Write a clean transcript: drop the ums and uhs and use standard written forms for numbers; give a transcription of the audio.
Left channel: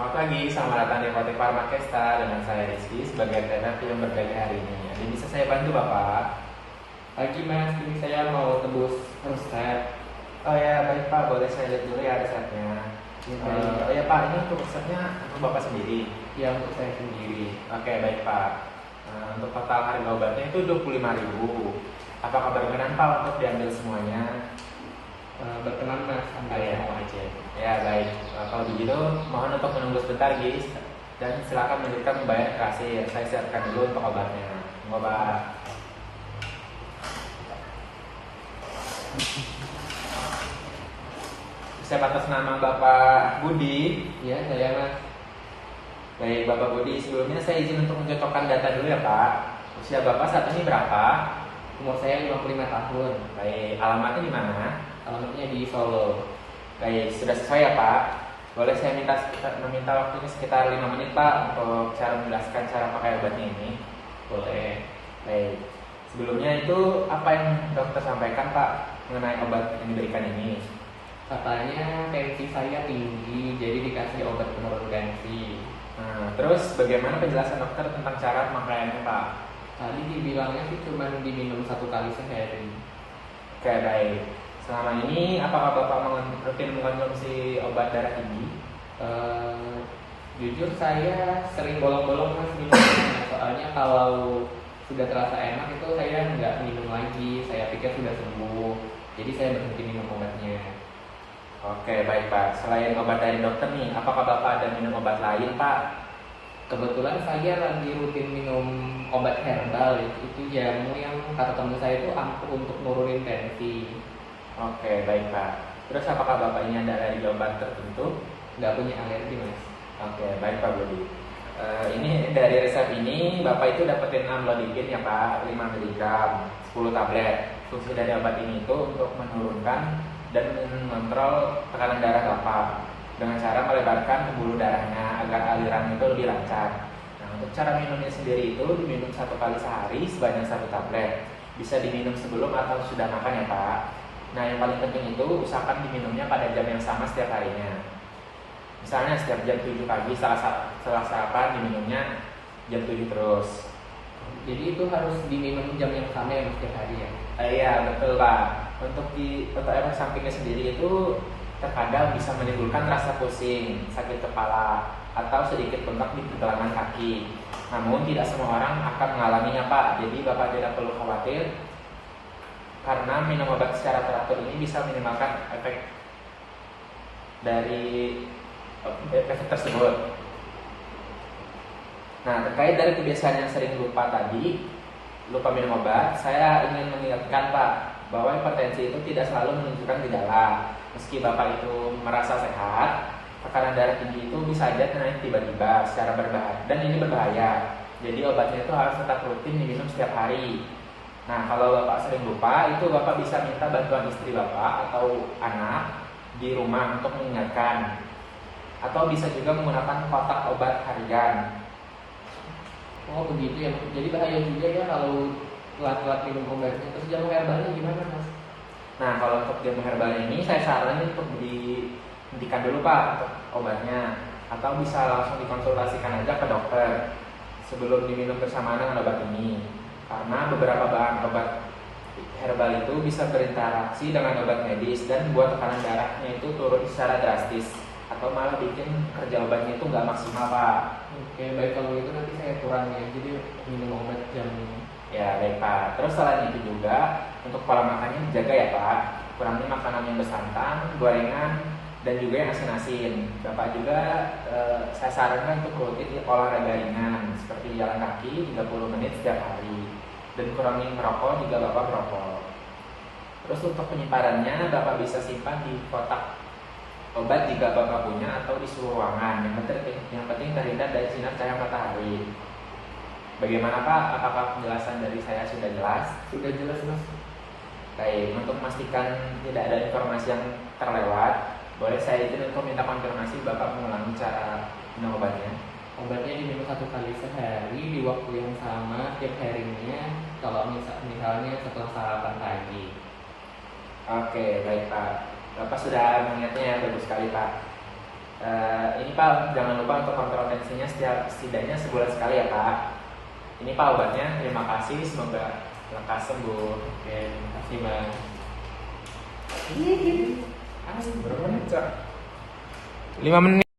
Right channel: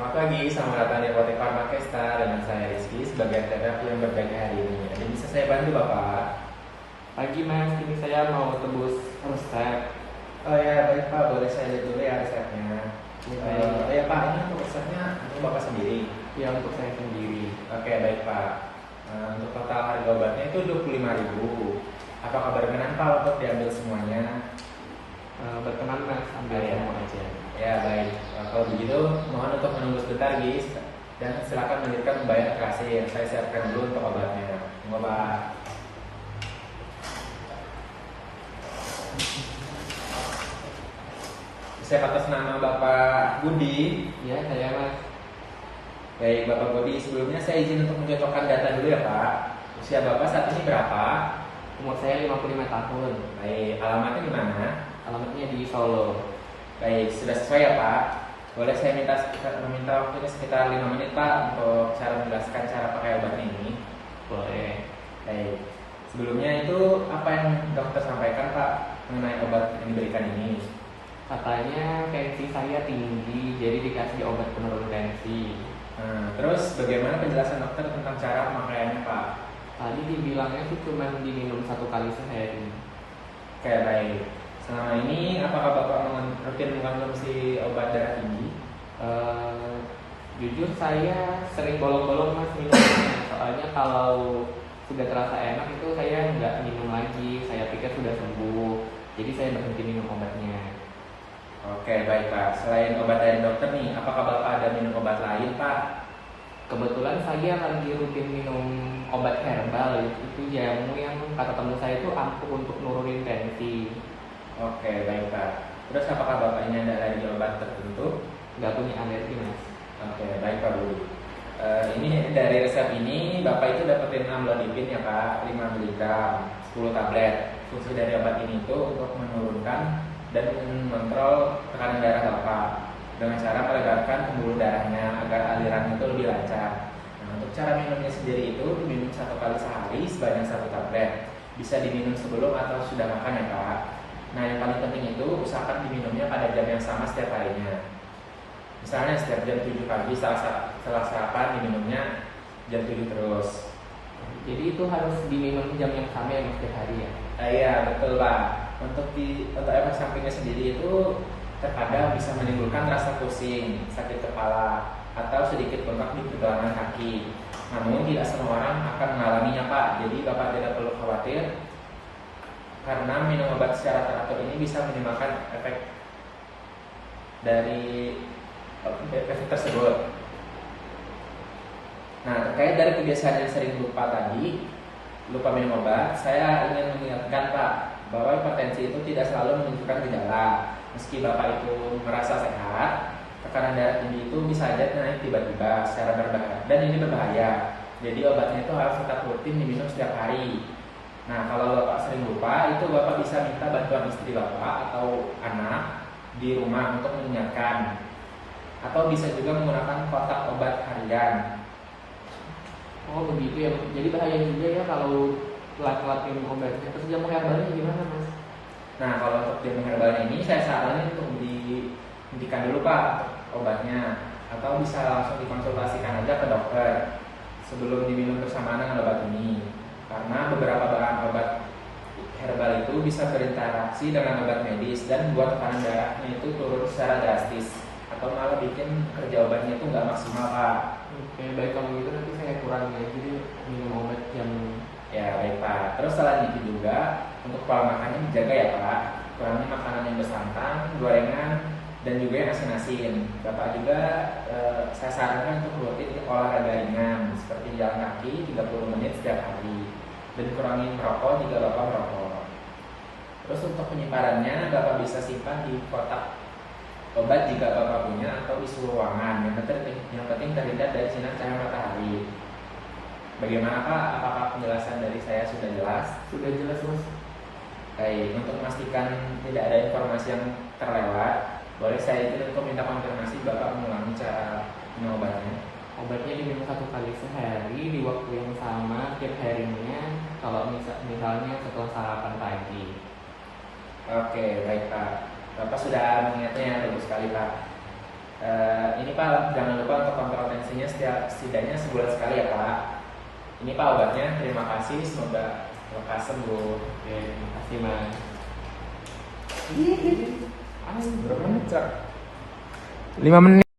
Selamat pagi, selamat datang di Apotek Farmakesta dengan saya Rizky sebagai terapi yang bergaya hari ini. Ada bisa saya bantu Bapak? Pagi Mas, ini saya mau tebus resep. Oh ya, baik Pak, boleh saya lihat dulu ya resepnya. Oh ya Pak, ini untuk resepnya untuk Bapak sendiri? Ya, untuk saya sendiri. Oke, baik Pak. Untuk total harga obatnya itu 25.000. Apakah berkenan Pak untuk diambil semuanya? Berkenan Mas, ambil ya. semua aja. Ya baik, kalau begitu mohon untuk menunggu sebentar guys. Dan silakan melanjutkan membayar ke kasir. Saya siapkan dulu untuk obatnya. Obat. Saya atas nama Bapak Budi. Ya, saya Mas. Baik Bapak Budi, sebelumnya saya izin untuk mencocokkan data dulu ya Pak. Usia Bapak saat ini berapa? Umur saya 55 tahun. Baik, alamatnya di mana? Alamatnya di Solo. Baik, sudah sesuai ya Pak. Boleh saya meminta waktunya sekitar 5 menit Pak untuk cara menjelaskan cara pakai obatnya ini? Boleh. Baik. Sebelumnya itu apa yang dokter sampaikan Pak mengenai obat yang diberikan ini? Katanya tensi saya tinggi, jadi dikasih obat penurun tensi. Nah, terus bagaimana penjelasan dokter tentang cara pemakaiannya Pak? Tadi dibilangnya sih cuma diminum 1 kali sehari. Oke, baik. Selama ini apakah Bapak rutin mengkonsumsi obat darah tinggi? Jujur saya sering bolong-bolong Mas minumnya. Soalnya kalau sudah terasa enak itu saya nggak minum lagi. Saya pikir sudah sembuh, jadi saya berhenti minum obatnya. Oke, baik Pak. Selain obat dari dokter nih, apakah Bapak ada minum obat lain Pak? Kebetulan saya lagi rutin minum obat herbal. Itu jamu yang kata teman saya itu ampuh untuk nurunin tensi. Oke, baik Pak. Terus apakah Bapak ini ada alergi obat tertentu? Nggak punya alergi Mas. Oke, baik Pak Budi. Ini dari resep ini Bapak itu dapetin amlodipin ya Pak, 5 mg, 10 tablet. Fungsi dari obat ini itu untuk menurunkan dan mengontrol tekanan darah Bapak dengan cara melebarkan pembuluh darahnya agar aliran itu lebih lancar. Nah, untuk cara minumnya sendiri itu diminum 1 kali sehari sebanyak 1 tablet. Bisa diminum sebelum atau sudah makan ya Pak. Nah, yang paling penting itu usahakan diminumnya pada jam yang sama setiap harinya. Misalnya setiap jam 7 pagi setelah sarapan diminumnya jam 7 terus. Jadi itu harus diminum jam yang sama ya Mas setiap hari ya? Iya betul Pak. Untuk efek sampingnya sendiri itu terkadang bisa menimbulkan rasa pusing, sakit kepala, atau sedikit bengkak di pergelangan kaki. Namun tidak semua orang akan mengalaminya Pak. Jadi Bapak tidak perlu khawatir karena minum obat secara teratur ini bisa minimalkan efek dari efek tersebut. Nah, terkait dari kebiasaan yang sering lupa minum obat, saya ingin mengingatkan Pak bahwa hipertensi itu tidak selalu menunjukkan gejala. Meski Bapak itu merasa sehat, tekanan darah tinggi itu bisa saja naik tiba-tiba secara berbahaya, dan ini berbahaya. Jadi obatnya itu harus tetap rutin diminum setiap hari. Nah, kalau Bapak sering lupa, itu Bapak bisa minta bantuan istri Bapak atau anak di rumah untuk mengingatkan. Atau bisa juga menggunakan kotak obat harian. Oh begitu ya, jadi bahaya juga ya kalau telat-telat minum obatnya. Terus jamu herbalnya gimana Mas? Nah, kalau untuk jamu herbal ini saya saranin untuk dihentikan dulu Pak obatnya, atau bisa langsung dikonsultasikan aja ke dokter sebelum diminum bersamaan dengan obat ini. Karena beberapa bahan obat herbal itu bisa berinteraksi dengan obat medis dan buat tekanan darahnya itu turun secara drastis, atau malah bikin kerja obatnya itu nggak maksimal Pak. Oke, baik kalau gitu nanti saya kurangi aja minum obat jam. Ya baik Pak. Terus selain itu juga untuk pola makannya dijaga ya Pak. Kurangi makanan yang bersantan, gorengan, dan juga yang asin-asin. Bapak juga saya sarankan untuk rutin olahraga ringan seperti jalan kaki 30 menit setiap hari, dan kurangi merokok jika Bapak merokok. Terus untuk penyimpanan Bapak bisa simpan di kotak obat jika Bapak punya, atau di suhu ruangan. Yang penting terhindar dari sinar cahaya matahari. Bagaimana Pak? Apakah penjelasan dari saya sudah jelas? Sudah jelas Mas. Baik, untuk memastikan tidak ada informasi yang terlewat, boleh saya izin untuk minta konfirmasi Bapak mengulangi cara minum obatnya? Obatnya diminum 1 kali sehari di waktu yang sama tiap harinya. Kalau misalnya setelah sarapan pagi. Oke, baik Pak. Bapak sudah mengingatnya, bagus sekali Pak. Ini Pak, jangan lupa untuk kontrol tensinya setidaknya sebulan sekali ya Pak. Ini Pak obatnya, terima kasih, semoga lekas sembuh. Oke, terima kasih Mas. Berapa menit, Cak? 5 menit.